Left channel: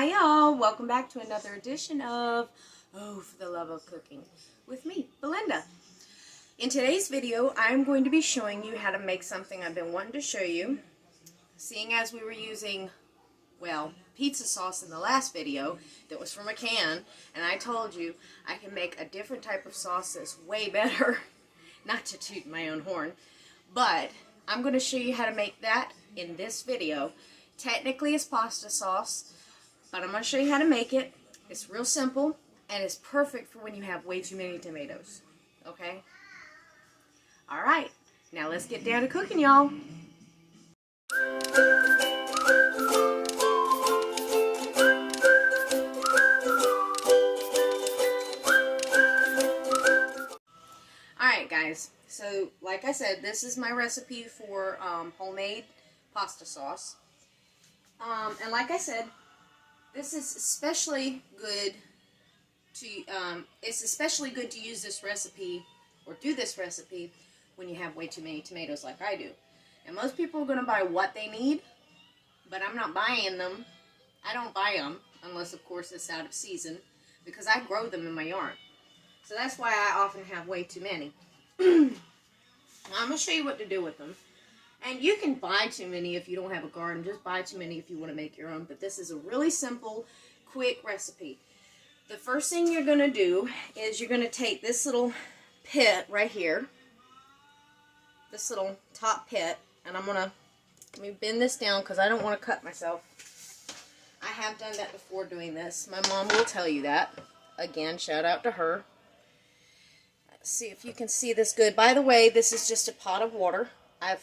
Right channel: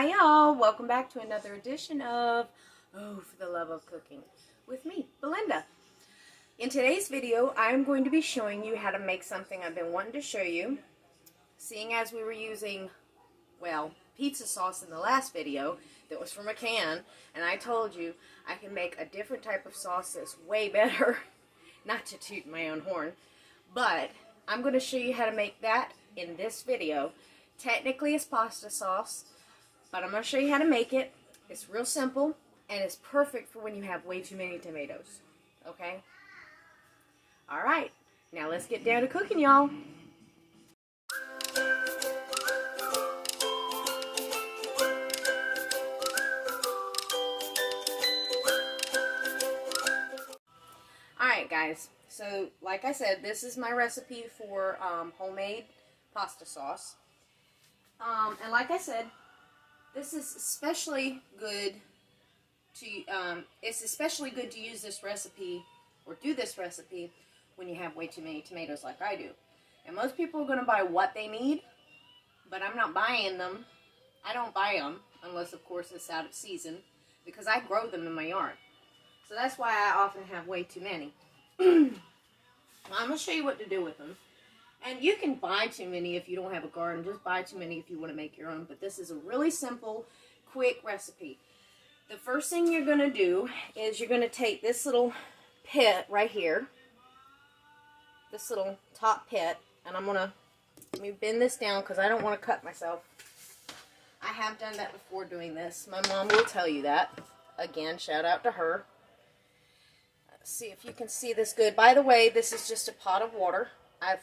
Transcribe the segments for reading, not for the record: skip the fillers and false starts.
Hi y'all, welcome back to another edition of Oh, for the Love of Cooking with me, Belinda. In today's video, I'm going to be showing you how to make something I've been wanting to show you. Seeing as we were using, well, pizza sauce in the last video that was from a can, and I told you I can make a different type of sauce that's way better, not to toot my own horn, but I'm going to show you how to make that in this video. Technically it's pasta sauce, but I'm going to show you how to make it. It's real simple, and it's perfect for when you have way too many tomatoes. Okay? Alright, now let's get down to cooking, y'all. Alright guys, so like I said, this is my recipe for homemade pasta sauce. And like I said, this is especially good to, it's especially good to use this recipe, or do this recipe, when you have way too many tomatoes like I do. And most people are going to buy what they need, but I'm not buying them. I don't buy them, unless of course it's out of season, because I grow them in my yard. So that's why I often have way too many. I'm going to show you what to do with them. And you can buy too many if you don't have a garden. Just buy too many if you want to make your own. But this is a really simple, quick recipe. The first thing you're going to do is you're going to take this little pit right here. This little top pit. And I'm going to, let me bend this down because I don't want to cut myself. I have done that before doing this. My mom will tell you that. Again, shout out to her. Let's see if you can see this good. By the way, this is just a pot of water. I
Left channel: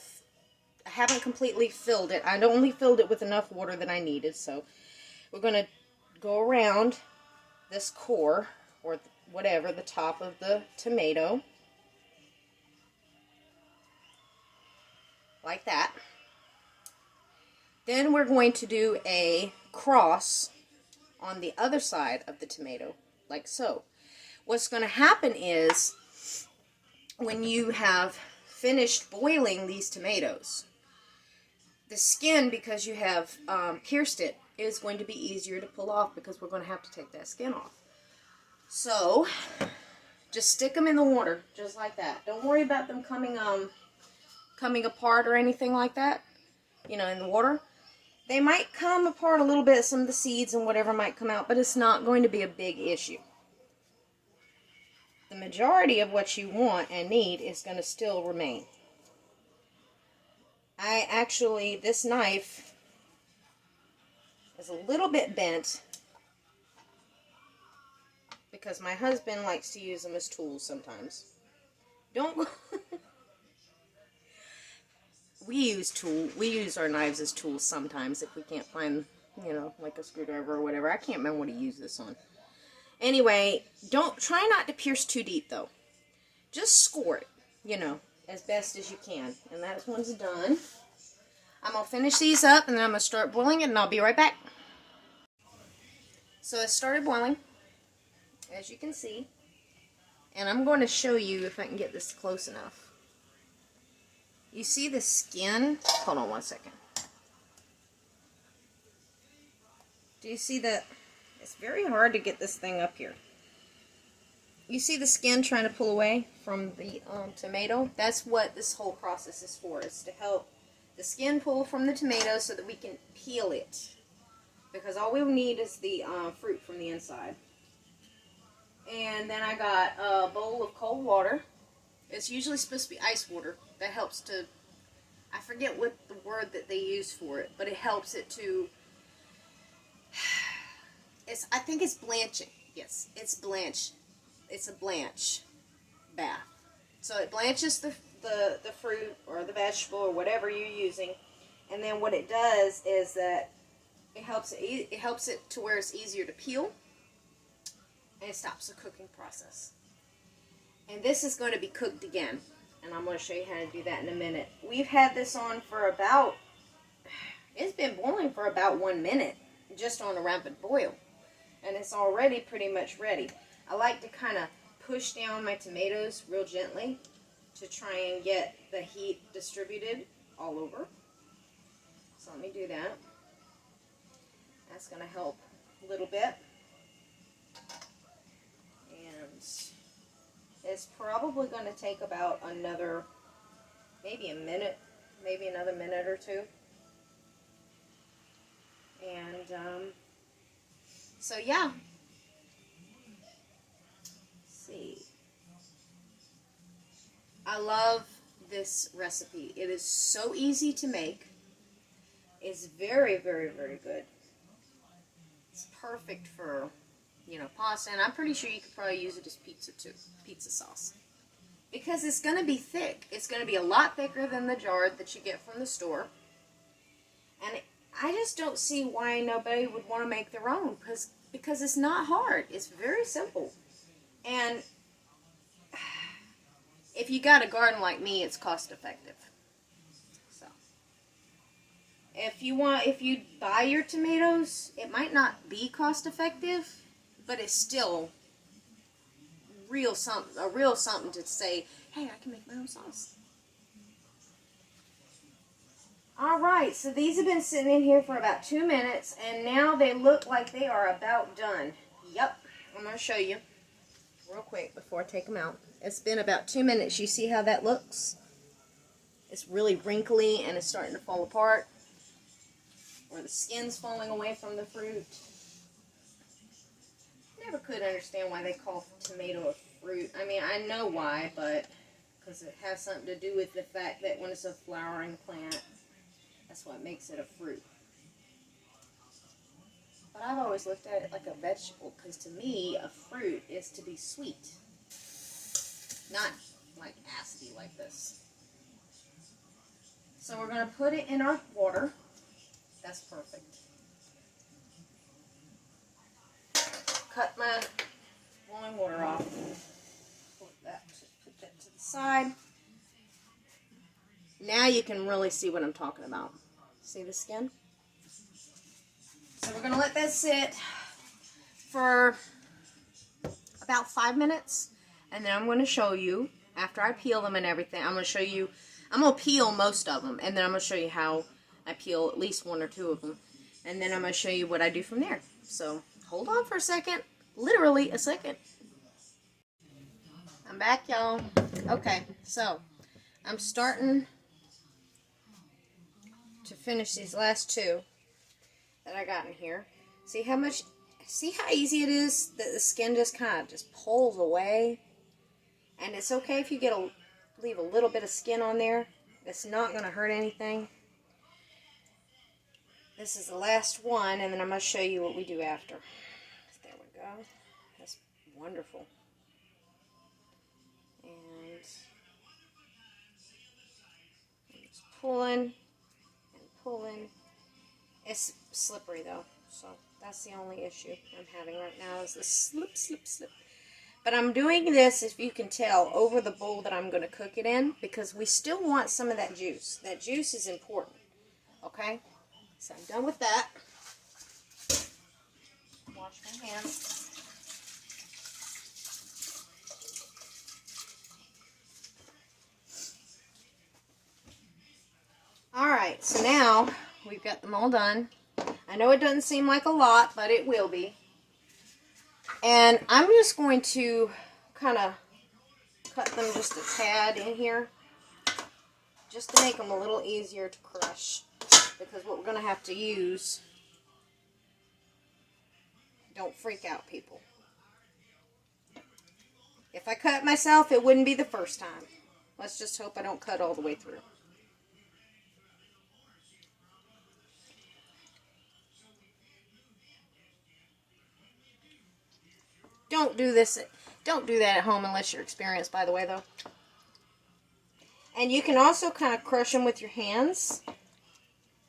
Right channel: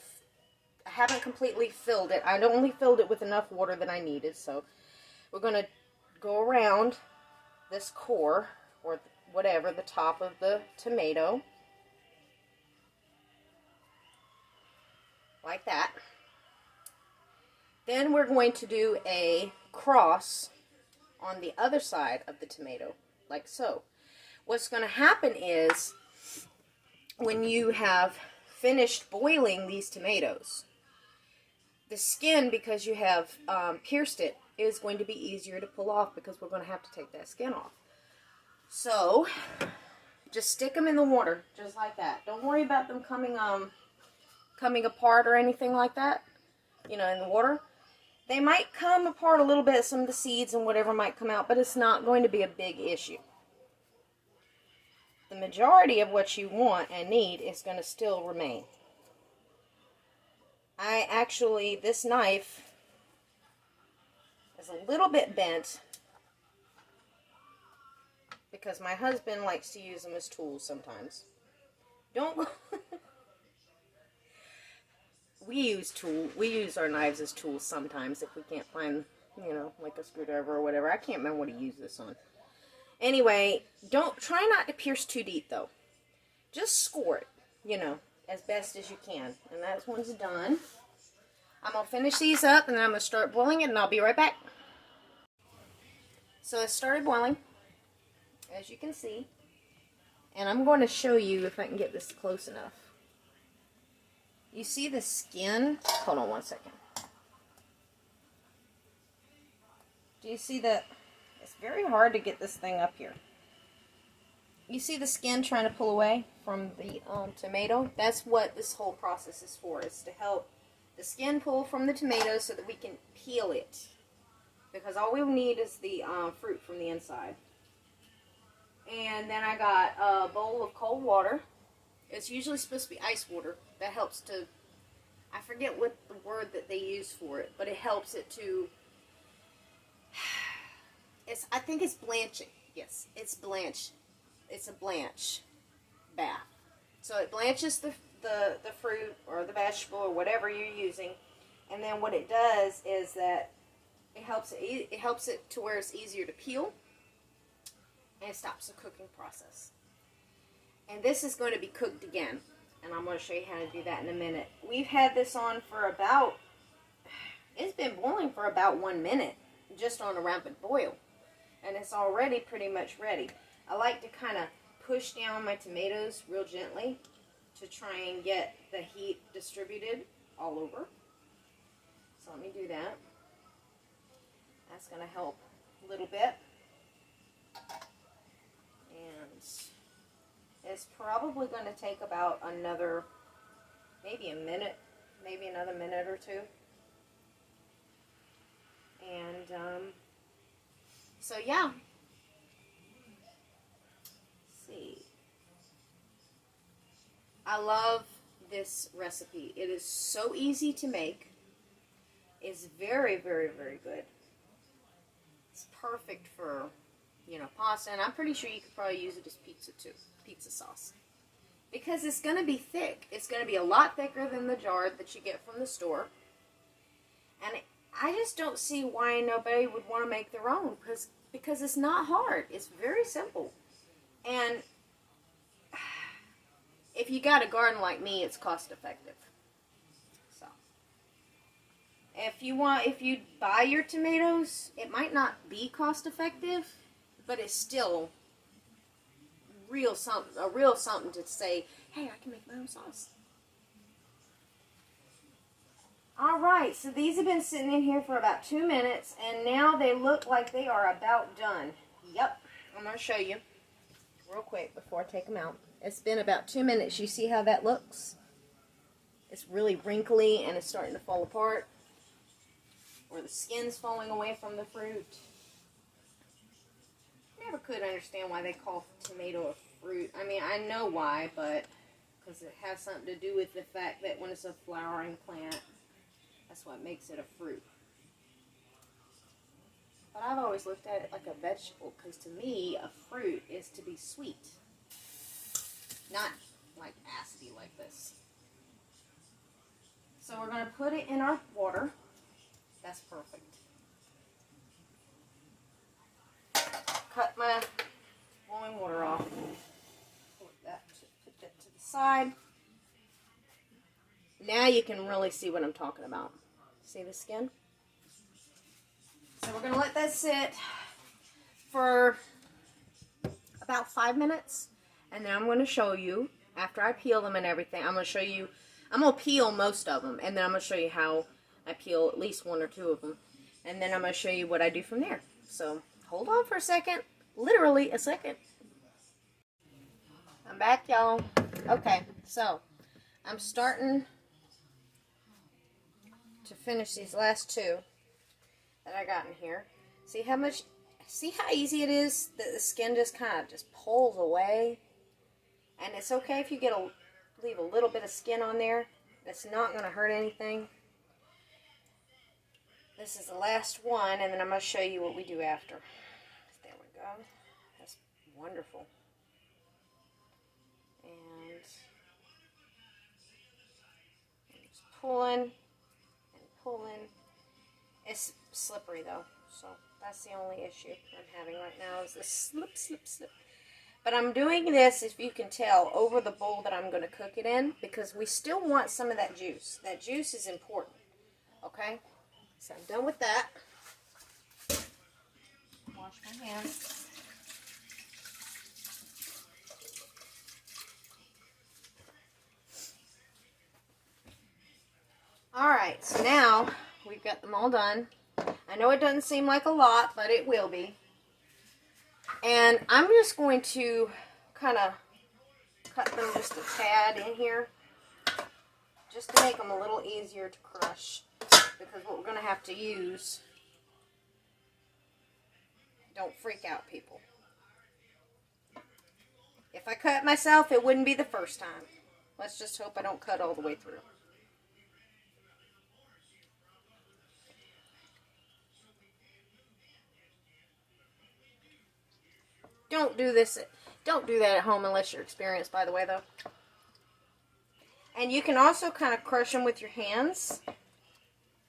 haven't completely filled it. I only filled it with enough water that I needed. So we're going to go around this core, or whatever, the top of the tomato. Like that. Then we're going to do a cross on the other side of the tomato, like so. What's going to happen is, when you have finished boiling these tomatoes, the skin, because you have pierced it, is going to be easier to pull off, because we're going to have to take that skin off. So, just stick them in the water, just like that. Don't worry about them coming apart or anything like that, you know, in the water. They might come apart a little bit, some of the seeds and whatever might come out, but it's not going to be a big issue. The majority of what you want and need is going to still remain. This knife is a little bit bent because my husband likes to use them as tools sometimes. We use our knives as tools sometimes if we can't find, you know, like a screwdriver or whatever. I can't remember what he used this on. Anyway, try not to pierce too deep though. Just score it, you know, as best as you can. And that one's done. I'm going to finish these up, and then I'm going to start boiling it, and I'll be right back. So it started boiling, as you can see. And I'm going to show you if I can get this close enough. You see the skin? Hold on one second. Do you see that? It's very hard to get this thing up here. You see the skin trying to pull away from the tomato? That's what this whole process is for. It's to help the skin pull from the tomato so that we can peel it. Because all we need is the fruit from the inside. And then I got a bowl of cold water. It's usually supposed to be ice water. That helps to, I forget what the word that they use for it, but it helps it to, I think it's blanching. Yes, it's blanch. It's a blanch bath. So it blanches the fruit or the vegetable or whatever you're using, and then what it does is that it helps it to where it's easier to peel, and it stops the cooking process. And this is going to be cooked again, and I'm going to show you how to do that in a minute. We've had this on for about, it's been boiling for about 1 minute, just on a rapid boil, and it's already pretty much ready. I like to kind of push down my tomatoes real gently to try and get the heat distributed all over. So let me do that. That's going to help a little bit. And it's probably going to take about another, maybe a minute, maybe another minute or two. And so yeah. Let's see. I love this recipe. It is so easy to make. It's very, very, very good. It's perfect for, you know, pasta, and I'm pretty sure you could probably use it as pizza too, pizza sauce. Because it's going to be thick. It's going to be a lot thicker than the jar that you get from the store. And I just don't see why nobody would want to make their own, because it's not hard. It's very simple. And if you got a garden like me, it's cost effective. So if you buy your tomatoes, it might not be cost effective, but it's still a real something to say, hey, I can make my own sauce. Alright, so these have been sitting in here for about 2 minutes, and now they look like they are about done. Yep, I'm going to show you real quick before I take them out. It's been about 2 minutes. You see how that looks? It's really wrinkly and it's starting to fall apart, or the skin's falling away from the fruit. Never could understand why they call tomato a fruit. I mean, I know why, but because it has something to do with the fact that when it's a flowering plant, that's what makes it a fruit. But I've always looked at it like a vegetable, because to me, a fruit is to be sweet. Not like acidy like this. So we're going to put it in our water. That's perfect. Cut my boiling water off. Put that to the side. Now you can really see what I'm talking about. See the skin? So we're going to let that sit for about 5 minutes. And then I'm going to show you, after I peel them and everything, I'm going to show you, I'm going to peel most of them. And then I'm going to show you how I peel at least 1 or 2 of them. And then I'm going to show you what I do from there. So hold on for a second. Literally a second. I'm back, y'all. Okay, so I'm starting to finish these last 2 that I got in here. See how easy it is that the skin just kind of just pulls away? And it's okay if you leave a little bit of skin on there. It's not going to hurt anything. This is the last one, and then I'm going to show you what we do after. There we go. That's wonderful. And I'm just pulling and pulling. It's slippery though, so that's the only issue I'm having right now is the slip, slip, slip. But I'm doing this, if you can tell, over the bowl that I'm going to cook it in, because we still want some of that juice. That juice is important, okay? So I'm done with that. Wash my hands. Alright, so now we've got them all done. I know it doesn't seem like a lot, but it will be. And I'm just going to kind of cut them just a tad in here, just to make them a little easier to crush. Because what we're going to have to use, don't freak out, people. If I cut myself, it wouldn't be the first time. Let's just hope I don't cut all the way through. Don't do that at home unless you're experienced, by the way, though. And you can also kind of crush them with your hands.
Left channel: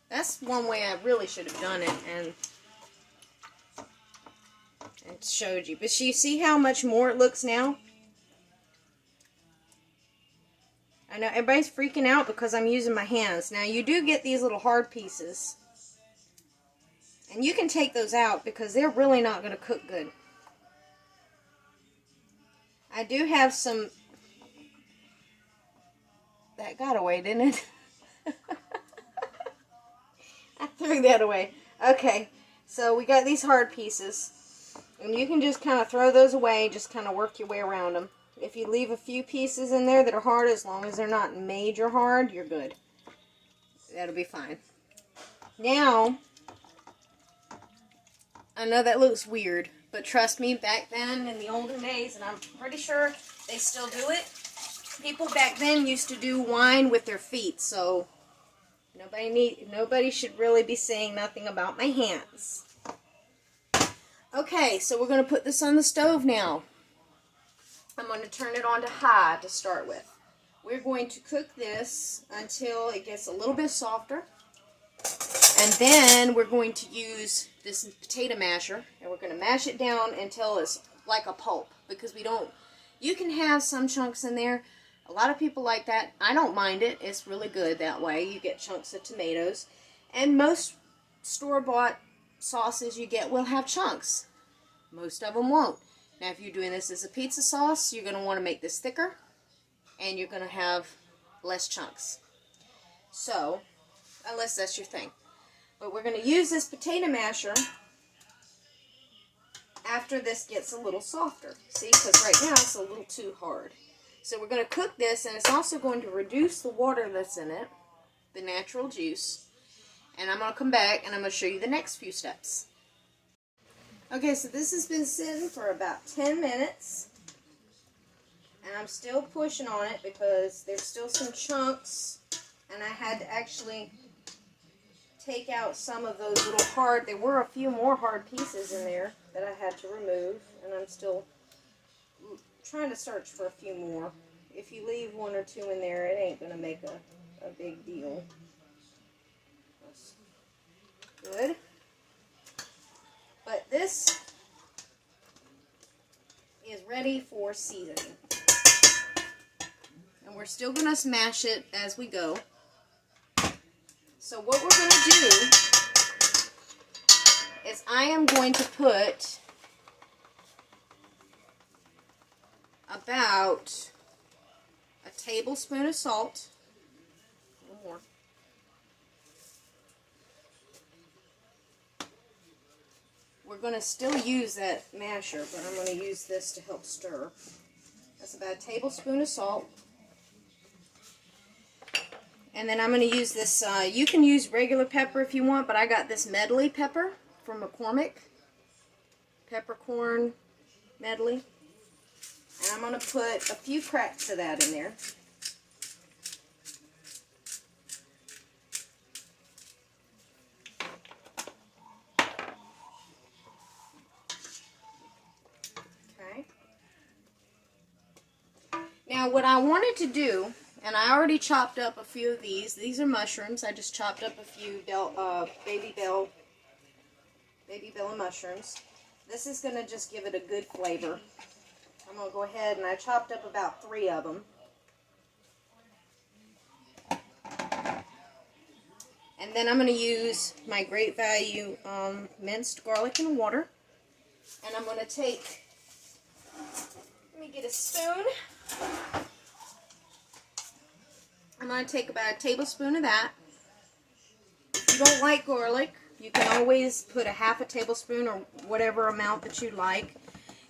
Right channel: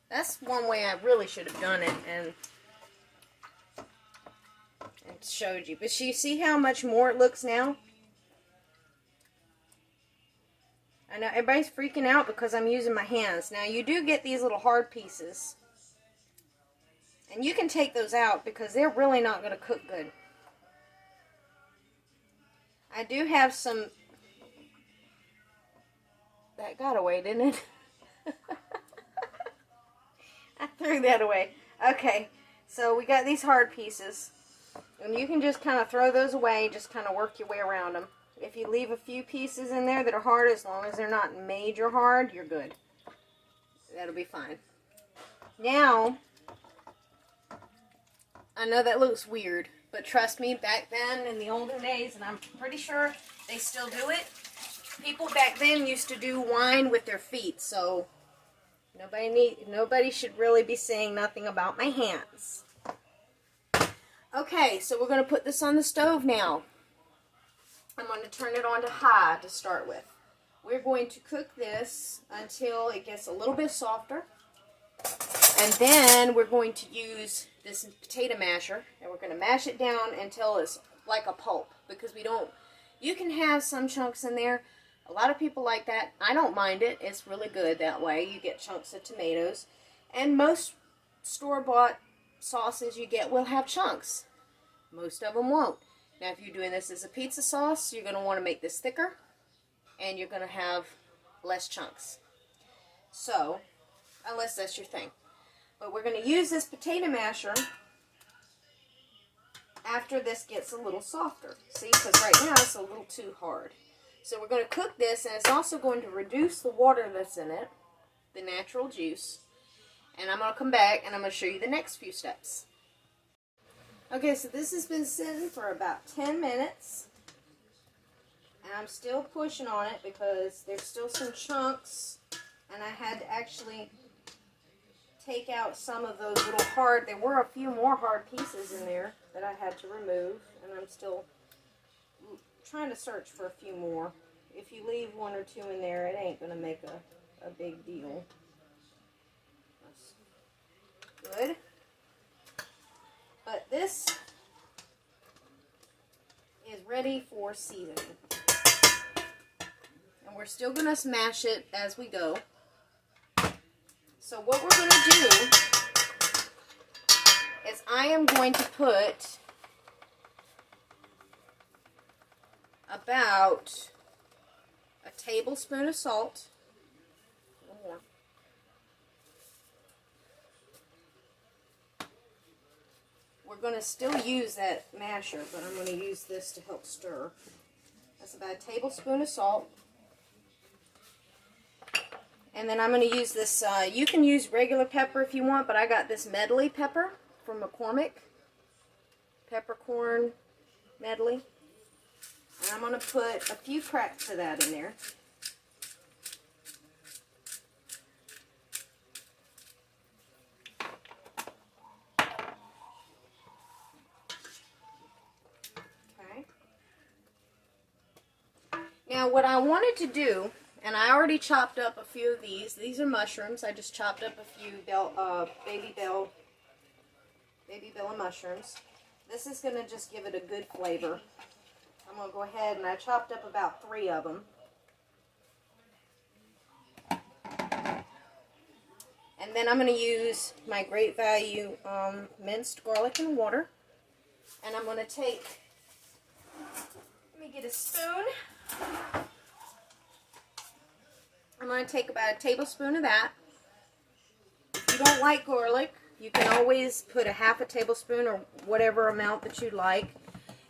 That's one way I really should have done it and showed you. But you see how much more it looks now? I know everybody's freaking out because I'm using my hands. Now you do get these little hard pieces. And you can take those out because they're really not going to cook good. I do have some... That got away, didn't it? I threw that away. Okay. So we got these hard pieces, and you can just kind of throw those away, just kind of work your way around them. If you leave a few pieces in there that are hard, as long as they're not major hard, you're good. That'll be fine. Now, I know that looks weird, but trust me, back then in the olden days, and I'm pretty sure they still do it, people back then used to do wine with their feet, so nobody should really be saying nothing about my hands. Okay, so we're going to put this on the stove now. I'm going to turn it on to high to start with. We're going to cook this until it gets a little bit softer. And then we're going to use this potato masher, and we're going to mash it down until it's like a pulp, because you can have some chunks in there. A lot of people like that. I don't mind it. It's really good that way. You get chunks of tomatoes. And most store-bought sauces you get will have chunks. Most of them won't. Now, if you're doing this as a pizza sauce, you're going to want to make this thicker, and you're going to have less chunks. So, unless that's your thing. But we're going to use this potato masher after this gets a little softer. See, because right now it's a little too hard. So we're going to cook this, and it's also going to reduce the water that's in it, the natural juice. And I'm going to come back, and I'm going to show you the next few steps. Okay, so this has been sitting for about 10 minutes. And I'm still pushing on it because there's still some chunks. And I had to actually take out some of those little hard, there were a few more hard pieces in there that I had to remove. And I'm still trying to search for a few more. If you leave one or two in there, it ain't going to make a big deal. That's good. But this is ready for seasoning. And we're still going to smash it as we go. So what we're going to do is I am going to put about a tablespoon of salt. One more. We're going to still use that masher, but I'm going to use this to help stir. That's about a tablespoon of salt. And then I'm going to use this, you can use regular pepper if you want, but I got this medley pepper from McCormick. Peppercorn medley. And I'm going to put a few cracks of that in there. Now what I wanted to do, and I already chopped up a few of these. These are mushrooms. I just chopped up a few baby bell mushrooms. This is going to just give it a good flavor. I'm going to go ahead and I chopped up about 3 of them. And then I'm going to use my Great Value minced garlic and water. And I'm going to take, let me get a spoon. I'm going to take about a tablespoon of that. If you don't like garlic, you can always put a half a tablespoon or whatever amount that you like.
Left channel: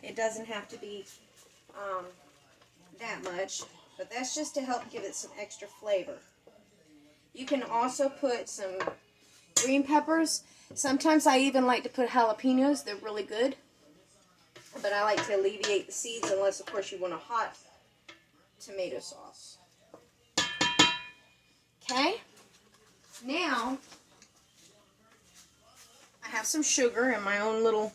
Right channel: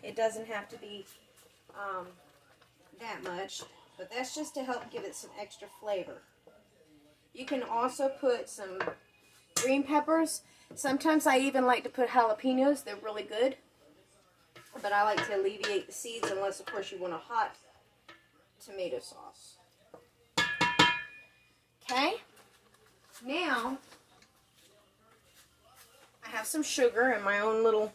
It doesn't have to be that much, but that's just to help give it some extra flavor. You can also put some green peppers. Sometimes I even like to put jalapenos. They're really good. But I like to alleviate the seeds unless, of course, you want a hot tomato sauce. Okay, now I have some sugar in my own little,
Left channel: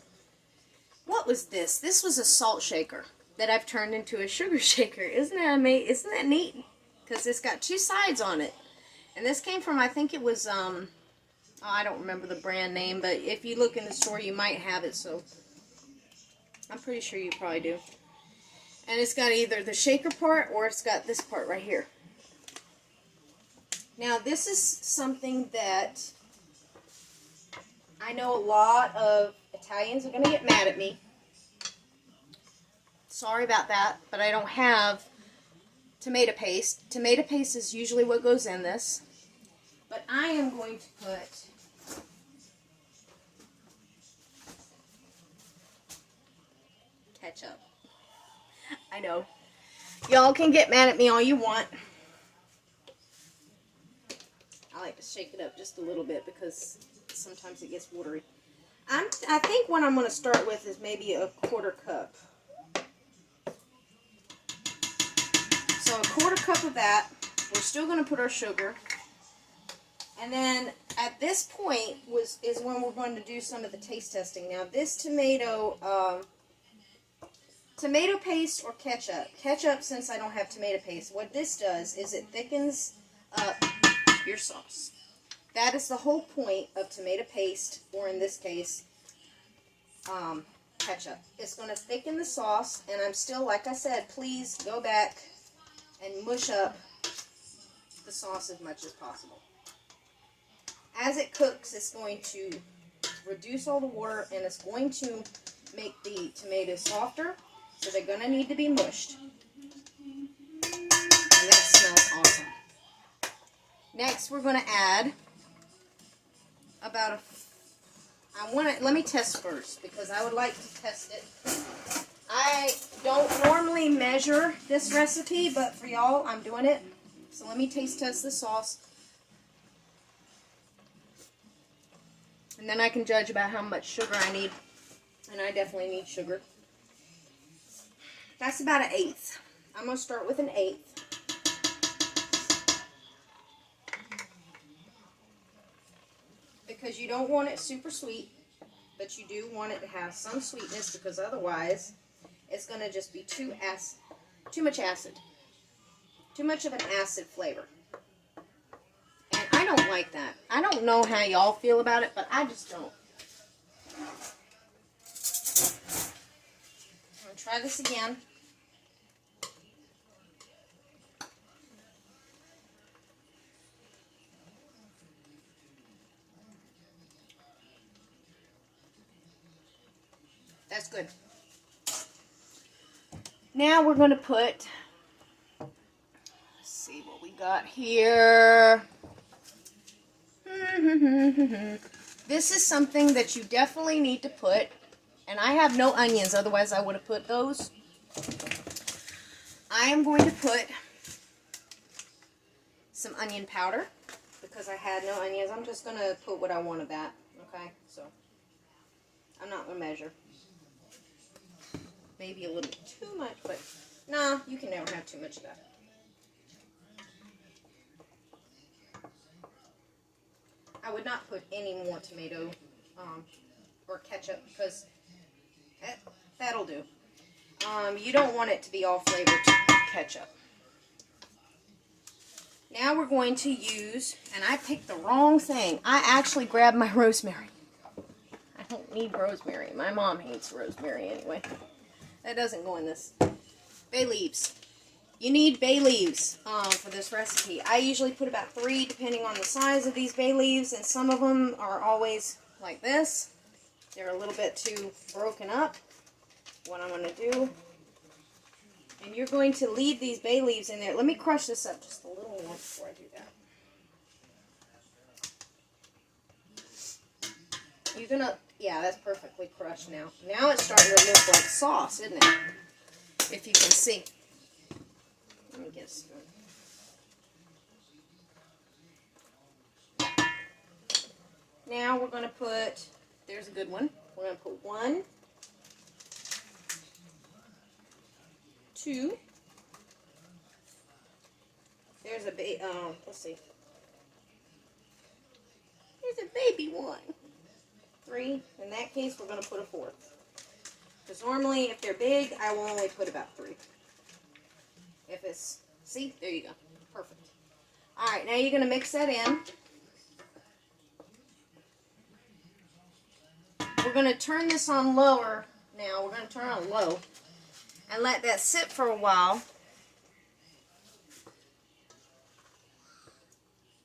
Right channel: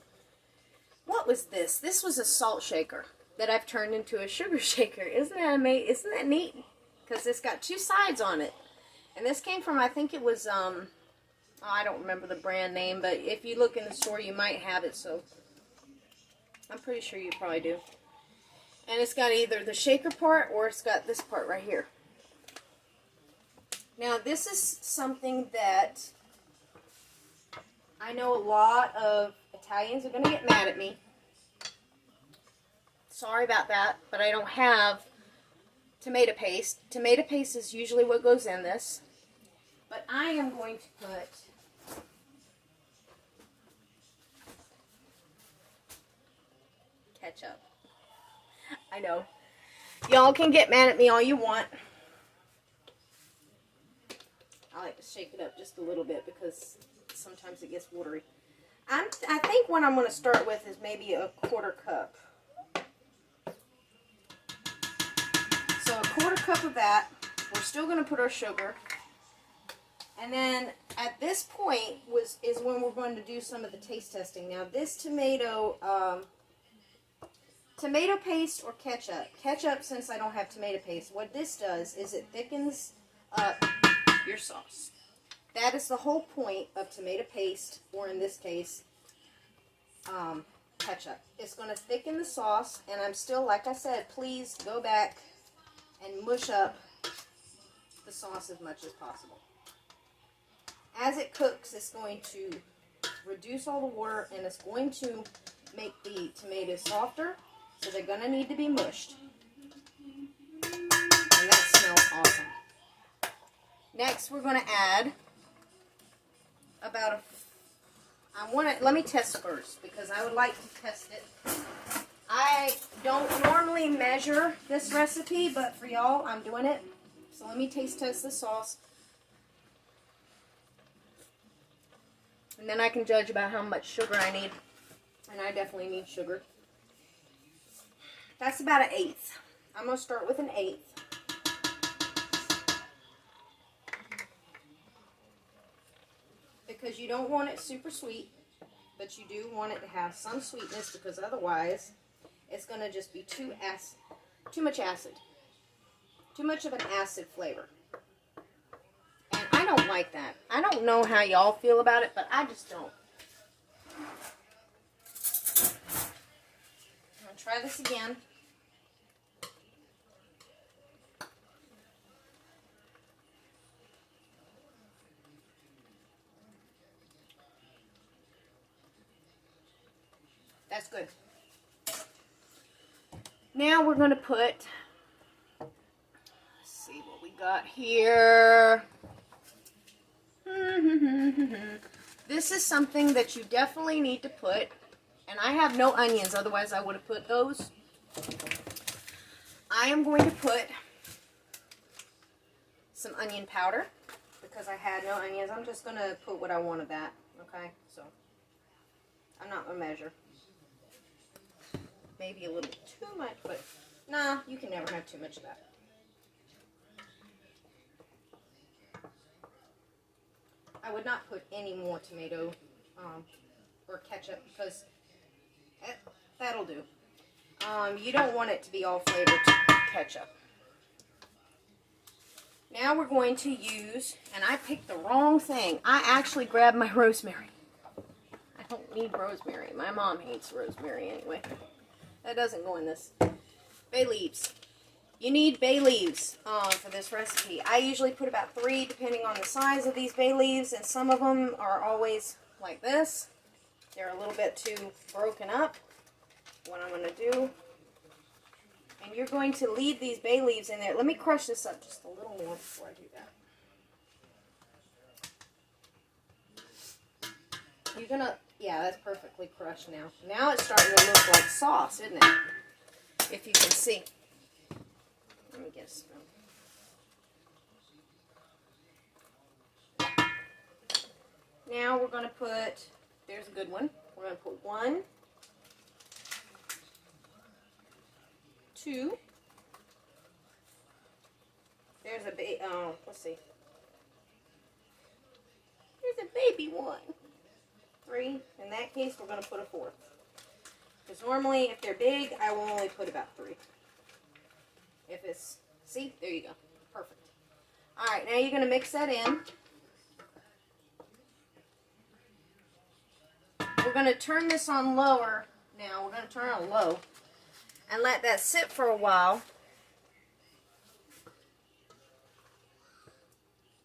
what was this? This was a salt shaker that I've turned into a sugar shaker. Isn't that amazing? Isn't that neat? Because it's got 2 sides on it. And this came from, I think it was, I don't remember the brand name, but if you look in the store, you might have it, so I'm pretty sure you probably do. And it's got either the shaker part or it's got this part right here. Now, this is something that I know a lot of Italians are going to get mad at me. Sorry about that, but I don't have tomato paste. Tomato paste is usually what goes in this. But I am going to put ketchup. I know. Y'all can get mad at me all you want. I like to shake it up just a little bit because sometimes it gets watery. I think what I'm going to start with is maybe a 1/4 cup. So a 1/4 cup of that. We're still going to put our sugar. And then at this point is when we're going to do some of the taste testing. Now this tomato paste or ketchup. Ketchup, since I don't have tomato paste, what this does is it thickens up your sauce. That is the whole point of tomato paste, or in this case, ketchup. It's going to thicken the sauce, and I'm still, like I said, please go back and mush up the sauce as much as possible. As it cooks, it's going to reduce all the water, and it's going to make the tomatoes softer, so they're going to need to be mushed. And that smells awesome. Next, we're going to add about let me test first, because I would like to test it. I don't normally measure this recipe, but for y'all, I'm doing it. So let me taste test the sauce. And then I can judge about how much sugar I need. And I definitely need sugar. That's about 1/8. I'm going to start with 1/8. Because you don't want it super sweet, but you do want it to have some sweetness, because otherwise it's going to just be too much acid. Too much of an acid flavor. And I don't like that. I don't know how y'all feel about it, but I just don't. I'm going to try this again. That's good. Now we're going to put, let's see what we got here. This is something that you definitely need to put, and I have no onions, otherwise I would have put those. I am going to put some onion powder, because I had no onions. I'm just going to put what I want of that, okay? So, I'm not going to measure. Maybe a little too much, but no, you can never have too much of that. I would not put any more tomato or ketchup, because that'll do. You don't want it to be all flavored ketchup. Now we're going to use, and I picked the wrong thing. I actually grabbed my rosemary. I don't need rosemary. My mom hates rosemary anyway. That doesn't go in this. Bay leaves. You need bay leaves for this recipe. I usually put about 3, depending on the size of these bay leaves, and some of them are always like this. They're a little bit too broken up. What I'm going to do, and you're going to leave these bay leaves in there. Let me crush this up just a little more before I do that. You're going to, yeah, that's perfectly crushed now. Now it's starting to look like sauce, isn't it? If you can see. Let me get a spoon. Now we're going to put, there's a good one. We're going to put 1, 2. There's a let's see. There's a baby one. 3. In that case, we're going to put a 4th. Because normally, if they're big, I will only put about 3. If it's, see, there you go. Perfect. Alright, now you're going to mix that in. We're going to turn this on lower now. We're going to turn it on low and let that sit for a while.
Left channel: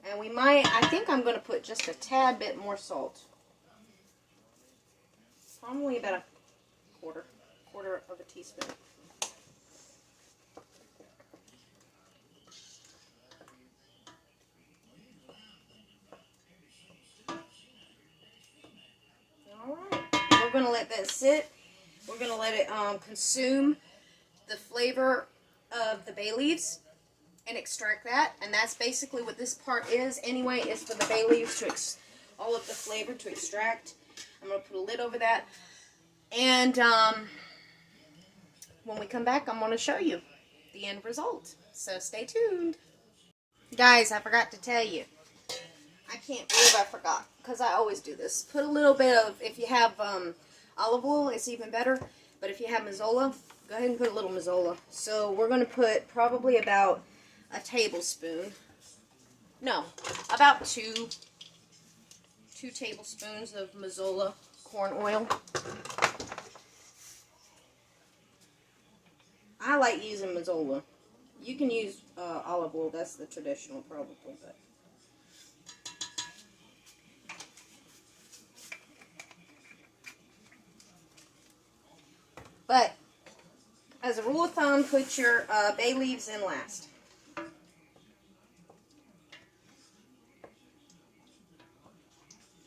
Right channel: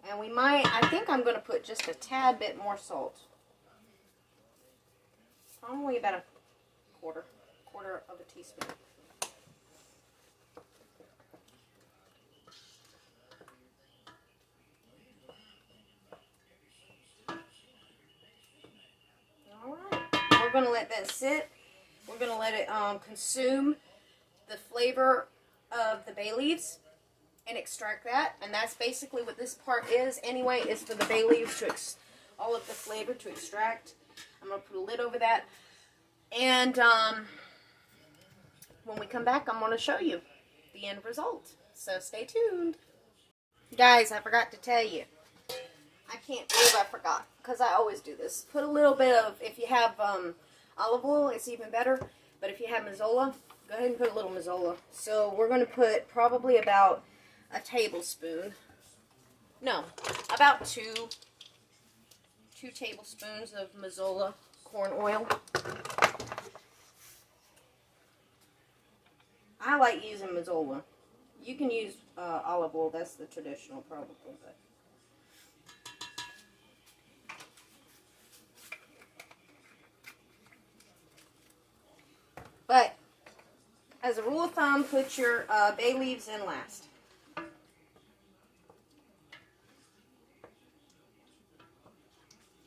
And we might, I think I'm going to put just a tad bit more salt. Probably about a quarter of a teaspoon. Alright, we're going to let that sit. We're going to let it consume the flavor of the bay leaves and extract that. And that's basically what this part is anyway, is for the bay leaves to all of the flavor to extract. I'm going to put a lid over that. And when we come back, I'm going to show you the end result. So stay tuned. Guys, I forgot to tell you. I can't believe I forgot, because I always do this. Put a little bit of, if you have olive oil, it's even better. But if you have Mazola, go ahead and put a little Mazola. So we're going to put probably about a tablespoon. No, about two tablespoons of Mazola corn oil. I like using Mazola. You can use olive oil. That's the traditional probably. But as a rule of thumb, put your bay leaves in last.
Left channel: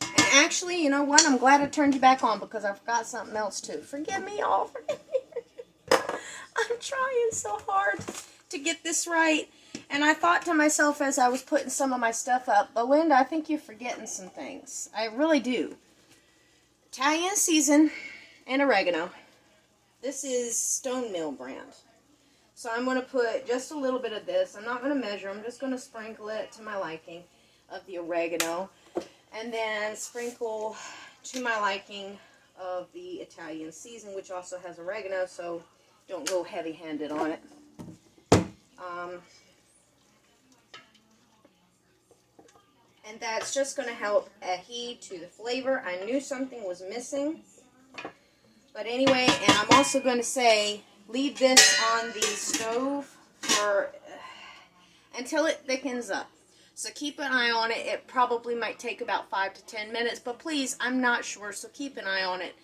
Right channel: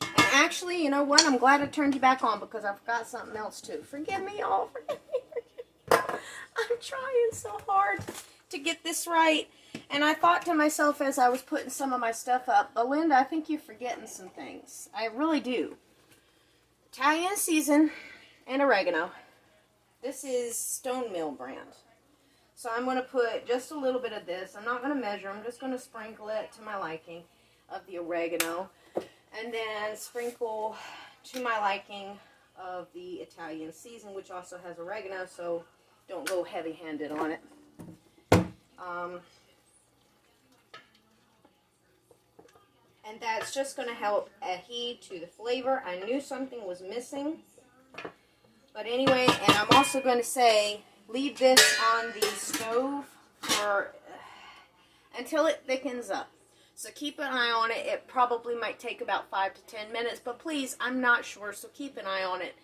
And actually, you know what? I'm glad I turned you back on, because I forgot something else too. Forgive me, y'all. Forgive me. I'm trying so hard to get this right. And I thought to myself as I was putting some of my stuff up, Belinda, I think you're forgetting some things. I really do. Italian season and oregano. This is Stone Mill brand. So I'm going to put just a little bit of this. I'm not going to measure. I'm just going to sprinkle it to my liking of the oregano. And then sprinkle to my liking of the Italian season, which also has oregano. So don't go heavy-handed on it. And that's just going to help adhere to the flavor. I knew something was missing. But anyway, and I'm also going to say, leave this on the stove for until it thickens up. So keep an eye on it. It probably might take about 5 to 10 minutes. But please, I'm not sure, so keep an eye on it.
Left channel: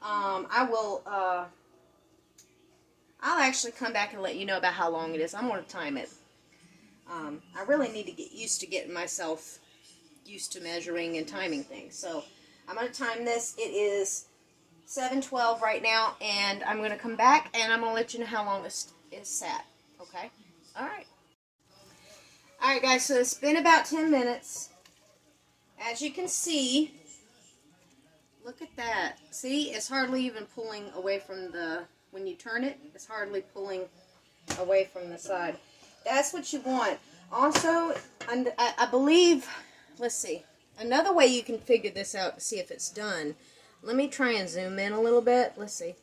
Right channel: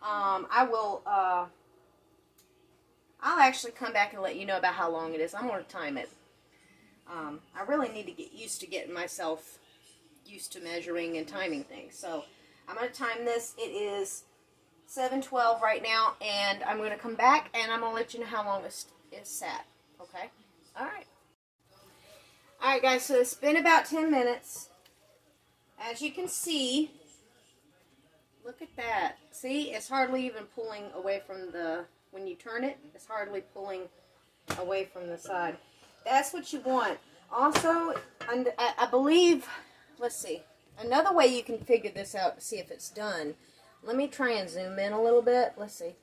I'll actually come back and let you know about how long it is. I'm going to time it. I really need to get used to getting myself used to measuring and timing things. So I'm going to time this. It is 7:12 right now, and I'm going to come back and I'm going to let you know how long it's sat. Okay? Alright. Alright guys, so it's been about 10 minutes. As you can see, look at that. See, it's hardly even pulling away from the, when you turn it, it's hardly pulling away from the side. That's what you want. Also, I believe, let's see, another way you can figure this out to see if it's done. Let me try and zoom in a little bit. Let's see.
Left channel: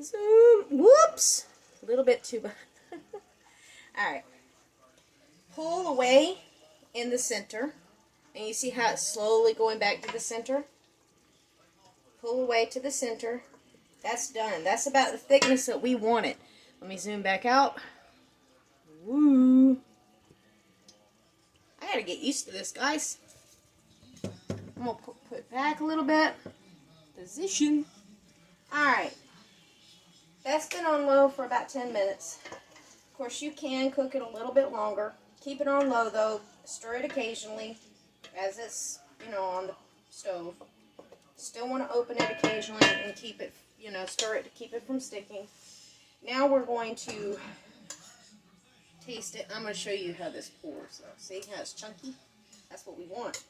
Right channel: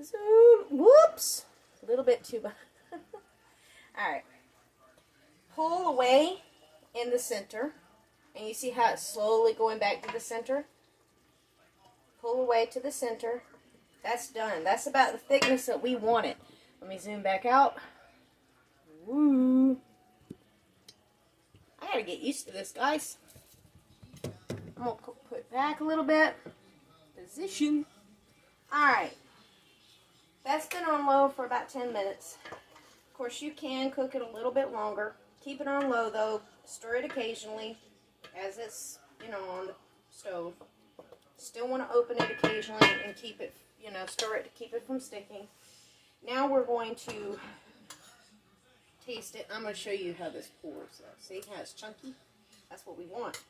Zoom. Whoops. A little bit too bad. Alright. Pull away in the center. And you see how it's slowly going back to the center? Pull away to the center. That's done. That's about the thickness that we want it. Let me zoom back out. Woo. I gotta get used to this, guys. I'm gonna put it back a little bit. Position. Alright. That's been on low for about 10 minutes. Of course, you can cook it a little bit longer. Keep it on low, though. Stir it occasionally as it's, you know, on the stove. Still want to open it occasionally and keep it, you know, stir it to keep it from sticking. Now we're going to taste it. I'm going to show you how this pours. See how it's chunky? That's what we want.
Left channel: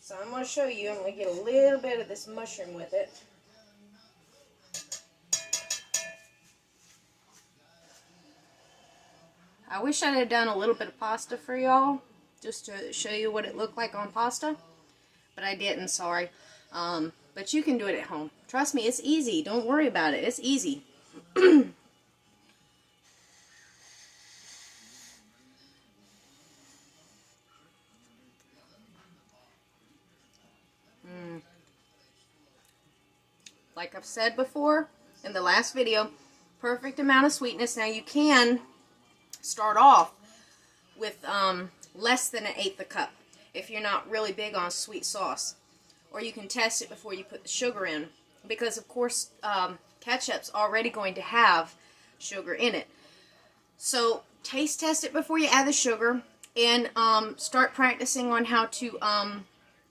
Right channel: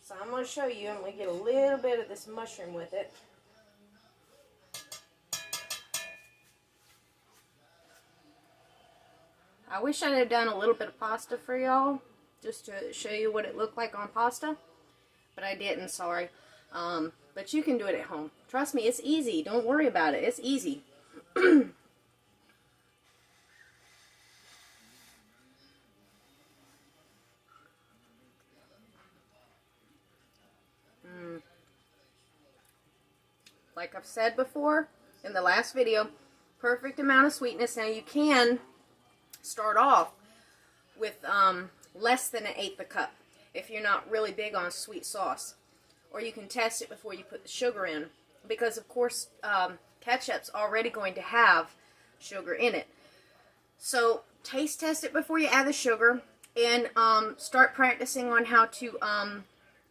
So I'm going to show you. I'm going to get a little bit of this mushroom with it. I wish I'd have done a little bit of pasta for y'all, just to show you what it looked like on pasta. But I didn't, sorry. But you can do it at home. Trust me, it's easy. Don't worry about it. It's easy. Like I've said before in the last video, perfect amount of sweetness. Now you can start off with less than 1/8 a cup if you're not really big on sweet sauce. Or you can test it before you put the sugar in. Because of course ketchup's already going to have sugar in it. So taste test it before you add the sugar. And start practicing on how to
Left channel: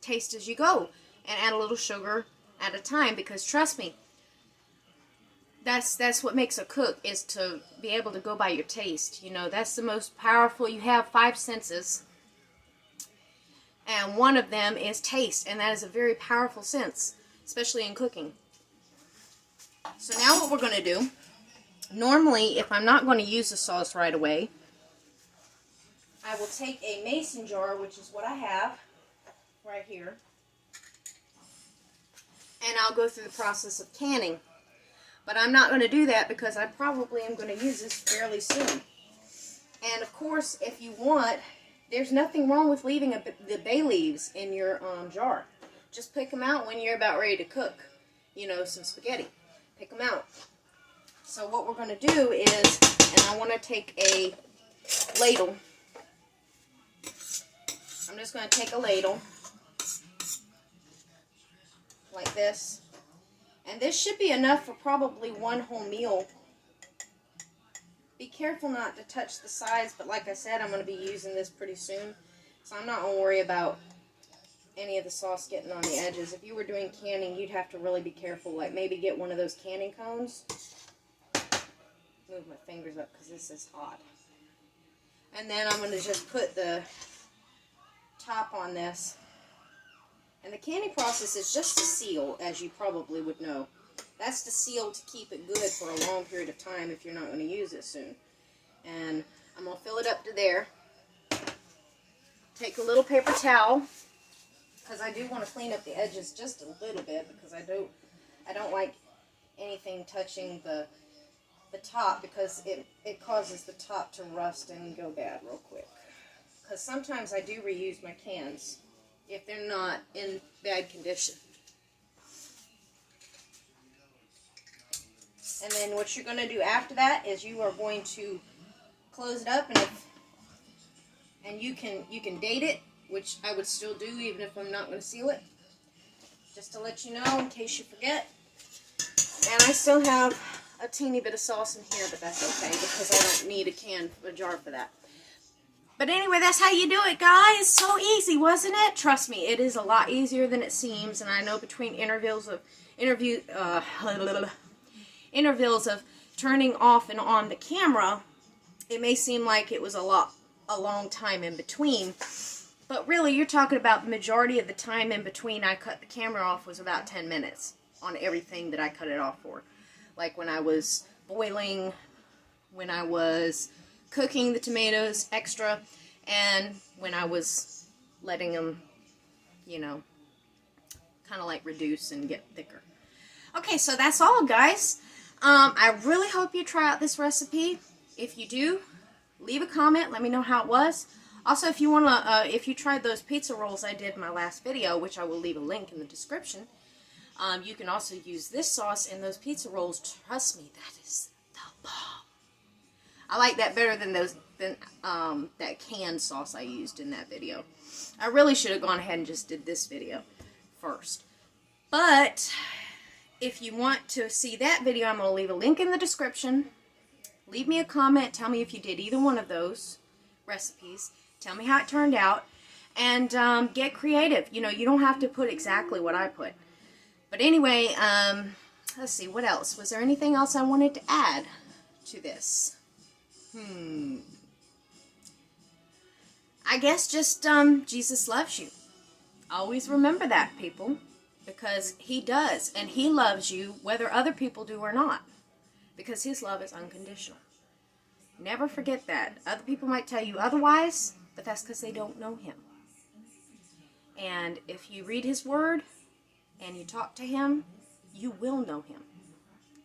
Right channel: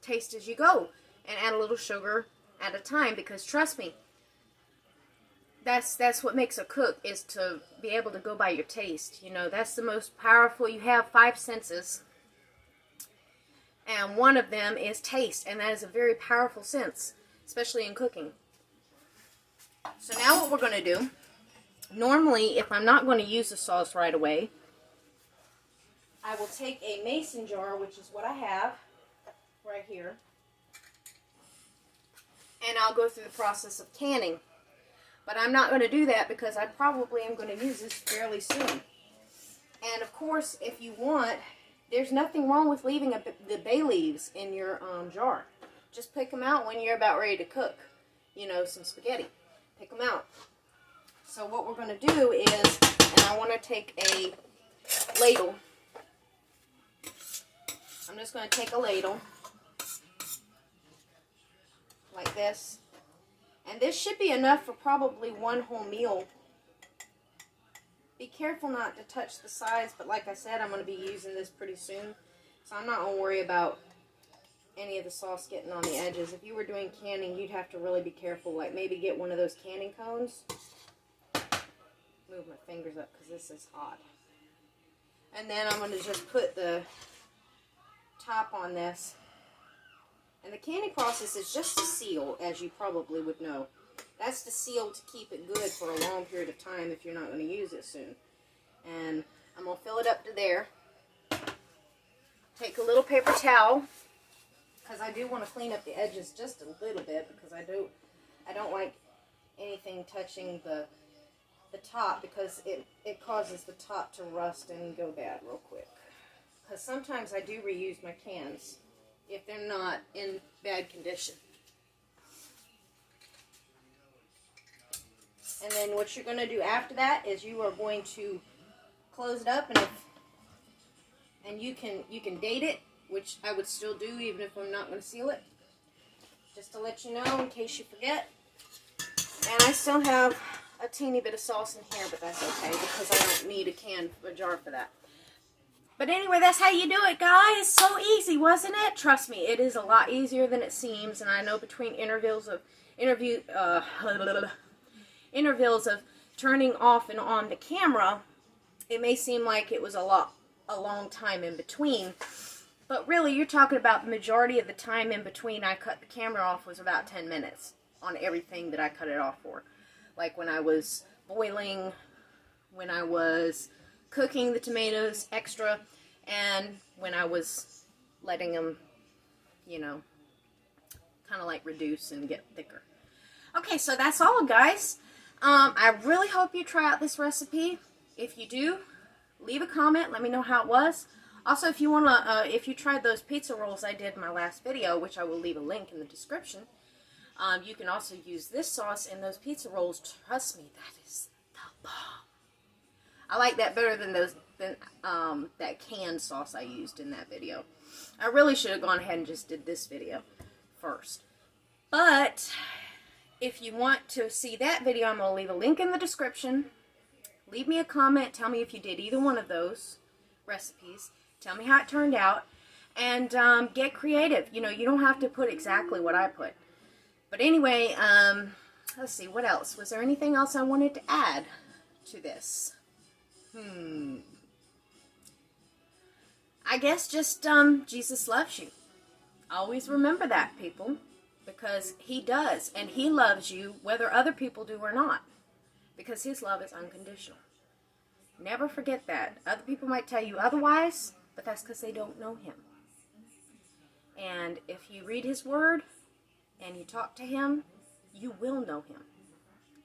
taste as you go. And add a little sugar at a time, because trust me, that's what makes a cook, is to be able to go by your taste. You know, that's the most powerful. You have 5 senses, and one of them is taste, and that is a very powerful sense, especially in cooking. So now what we're going to do, normally if I'm not going to use the sauce right away, I will take a mason jar, which is what I have right here, and I'll go through the process of canning. But I'm not going to do that because I probably am going to use this fairly soon. And of course, if you want, there's nothing wrong with leaving the bay leaves in your jar. Just pick them out when you're about ready to cook, you know, some spaghetti. Pick them out. So what we're going to do is, and I want to take a ladle. I'm just going to take a ladle like this. And this should be enough for probably one whole meal. Be careful not to touch the sides, but like I said, I'm going to be using this pretty soon. So I'm not going to worry about any of the sauce getting on the edges. If you were doing canning, you'd have to really be careful. Like maybe get one of those canning cones. Move my fingers up because this is hot. And then I'm going to just put the top on this. And the canning process is just to seal, as you probably would know. That's to seal to keep it good for a long period of time if you're not going to use it soon. And I'm going to fill it up to there. Take a little paper towel, because I do want to clean up the edges just a little bit, because I don't like anything touching the top, because it causes the top to rust and go bad real quick. Because sometimes I do reuse my cans if they're not in bad condition. And then what you're going to do after that is you are going to close it up, and you can date it, which I would still do even if I'm not going to seal it, just to let you know in case you forget. And I still have a teeny bit of sauce in here, but that's okay because I don't need a jar for that. But anyway, that's how you do it, guys. So easy, wasn't it? Trust me, it is a lot easier than it seems. And I know between intervals of turning off and on the camera, it may seem like it was a long time in between. But really, you're talking about the majority of the time in between I cut the camera off was about 10 minutes on everything that I cut it off for. Like when I was boiling, when I was cooking the tomatoes extra, and when I was letting them, you know, kind of like reduce and get thicker. Okay, so that's all, guys. I really hope you try out this recipe. If you do, leave a comment. Let me know how it was. Also, if you want to, if you tried those pizza rolls I did in my last video, which I will leave a link in the description, you can also use this sauce in those pizza rolls. Trust me, that is the bomb. I like that better than that canned sauce I used in that video. I really should have gone ahead and just did this video first. But if you want to see that video, I'm going to leave a link in the description. Leave me a comment. Tell me if you did either one of those recipes. Tell me how it turned out. And get creative. You know, you don't have to put exactly what I put. But anyway, let's see, what else? Was there anything else I wanted to add to this? I guess just Jesus loves you. Always remember that, people, because he does, and he loves you whether other people do or not, because his love is unconditional. Never forget that. Other people might tell you otherwise, but that's because they don't know him. And if you read his word and you talk to him, you will know him.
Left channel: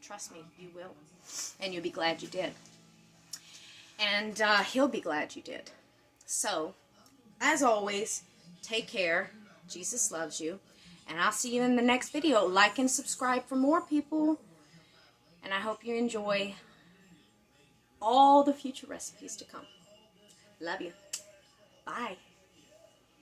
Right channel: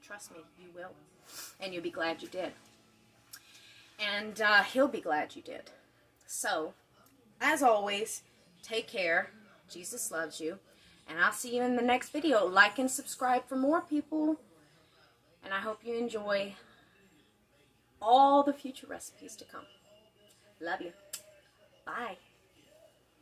Trust me, you will. And you'll be glad you did. And he'll be glad you did. So, as always, take care. Jesus loves you. And I'll see you in the next video. Like and subscribe for more, people. And I hope you enjoy all the future recipes to come. Love you. Bye.